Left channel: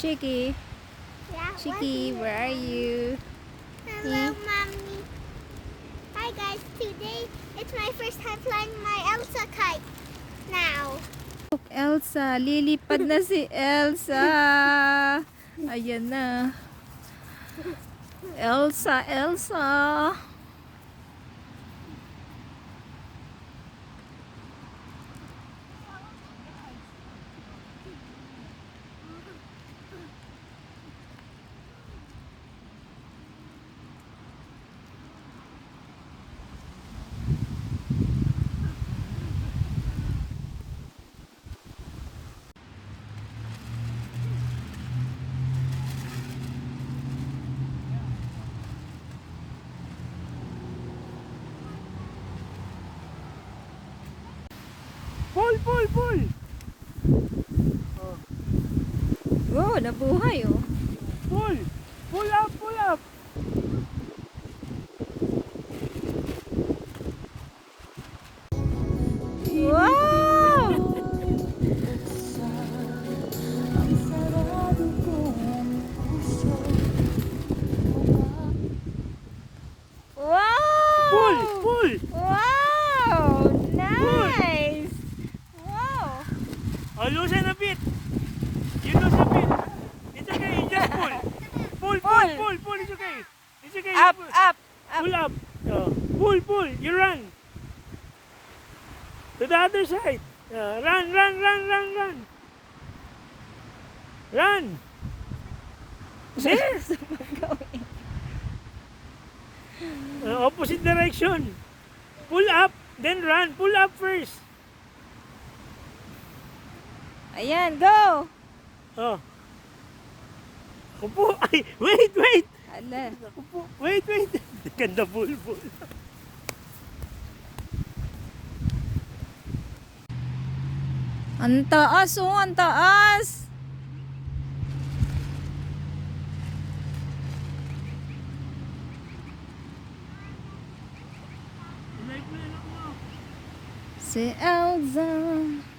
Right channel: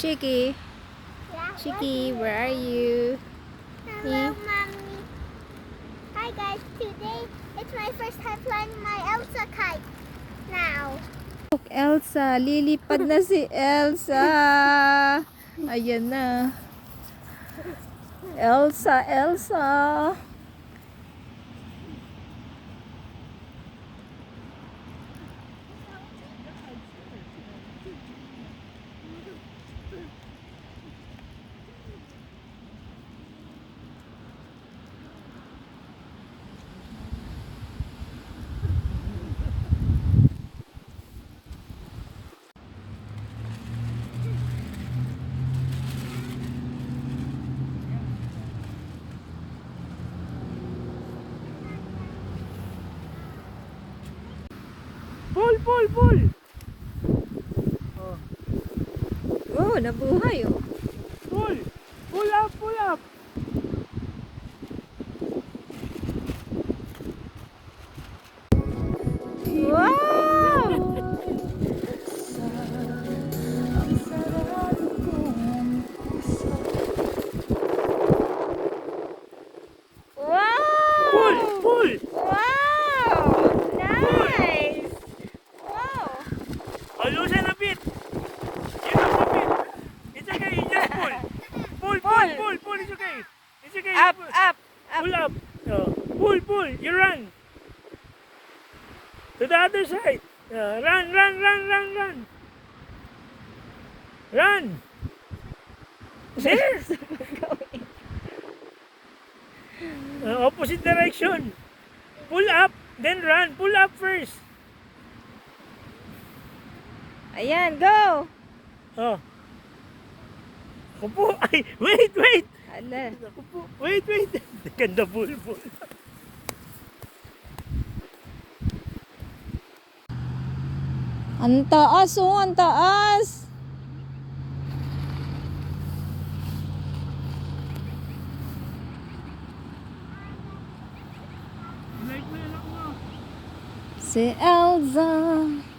Chicky, Yeah, Chicky, where are you? Hello, Mommy. Hi, guys. Today, it's my first time flying my Elsa kite. Now. Look, Elsa, lilipad na si Elsa. Ayan na. Elsa, Elsa. Pull! Oh, nabuhay oh. Pull up! Wow! Wow! Pull! Wow! Nice! Wow! Oh, loosen a bit. It's okay, just pull. Pull, it's okay. It's okay. Up, pull. up, up. Pull up. Oh, pull, you run. To the other side. Run. Run. Yes. Opposite direction. Pull up, then run. Pull up first. Ayan, go! Oh. Upo. Ay, wait. Ala. Upo. Wait. Ganda bull. Ang taas oh, ang taas! Si Elsa.